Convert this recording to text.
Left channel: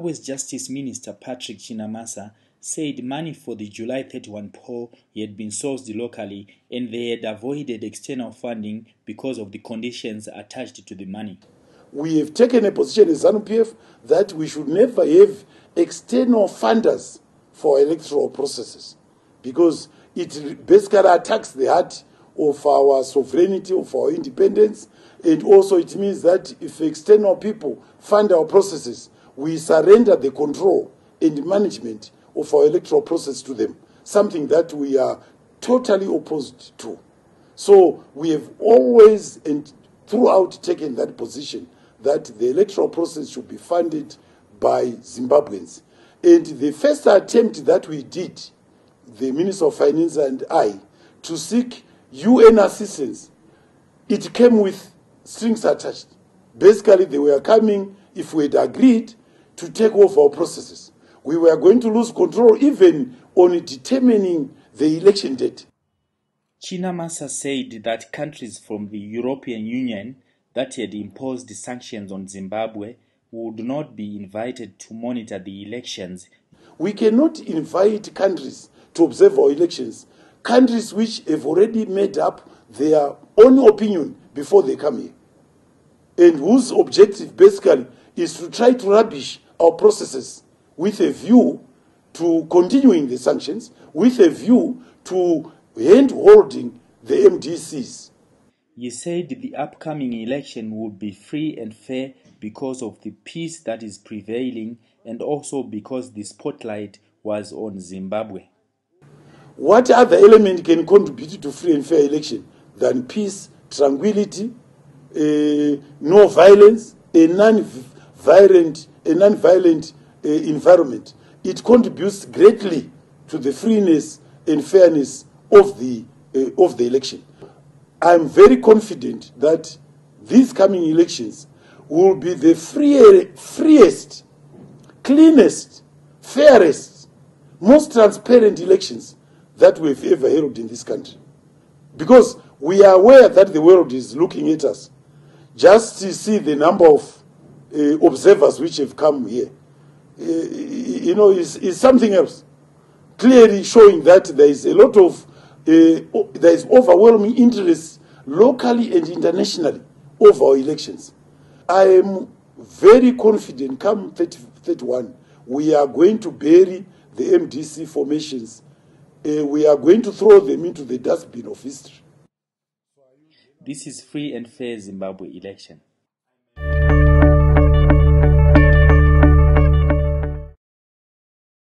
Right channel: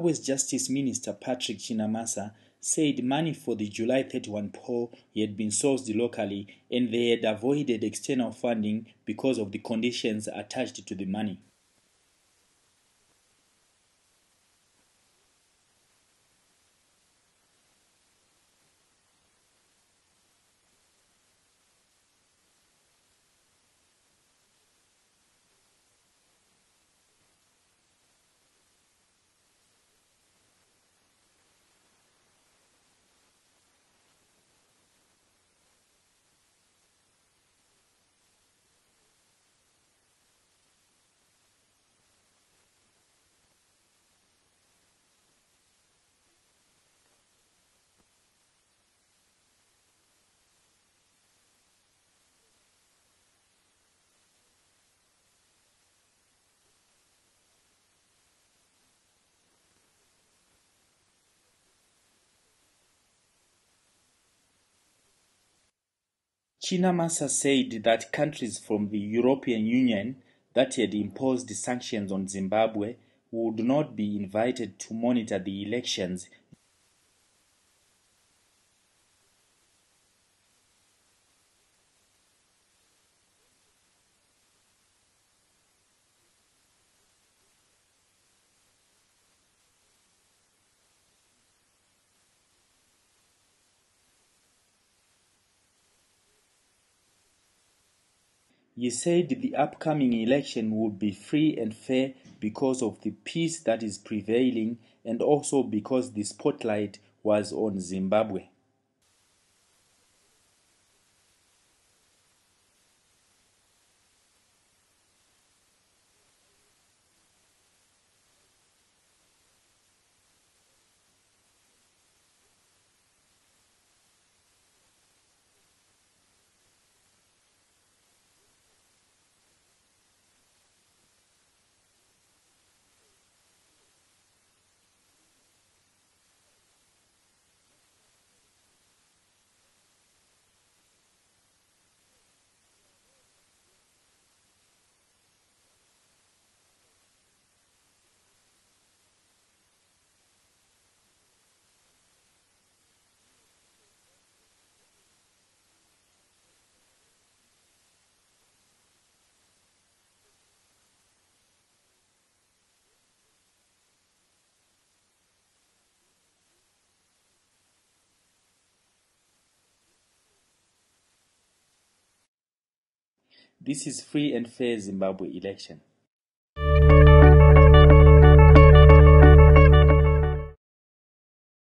Zimbabwe's Justice Minister Patrick Chinamasa said money for the July 31 poll had been sourced locally and they had avoided external funding because of the conditions attached to the money. We have taken a position as ZANU-PF that we should never have external funders for electoral processes because it basically attacks the heart of our sovereignty, of our independence, and also it means that if external people fund our processes, we surrender the control and management of our electoral process to them, something that we are totally opposed to. So we have always and throughout taken that position that the electoral process should be funded by Zimbabweans. And the first attempt that we did, the Minister of Finance and I, to seek UN assistance, it came with strings attached. Basically, they were coming, if we had agreed, to take over our processes. We were going to lose control even on determining the election date. Chinamasa said that countries from the European Union that had imposed sanctions on Zimbabwe would not be invited to monitor the elections. We cannot invite countries to observe our elections, countries which have already made up their own opinion before they come here, and whose objective basically is to try to rubbish our processes with a view to continuing the sanctions, with a view to hand-holding the MDCs. He said the upcoming election would be free and fair because of the peace that is prevailing and also because the spotlight was on Zimbabwe. What other element can contribute to free and fair election than peace, tranquility, no violence, a non-violent environment? It contributes greatly to the freeness and fairness of the election. I'm very confident that these coming elections will be the freest, cleanest, fairest, most transparent elections that we've ever held in this country. Because we are aware that the world is looking at us. Just to see the number of observers which have come here, is something else. Clearly showing that there is a lot of there is overwhelming interest locally and internationally over our elections. I am very confident come 31, we are going to bury the MDC formations. We are going to throw them into the dustbin of history. This is free and fair Zimbabwe election.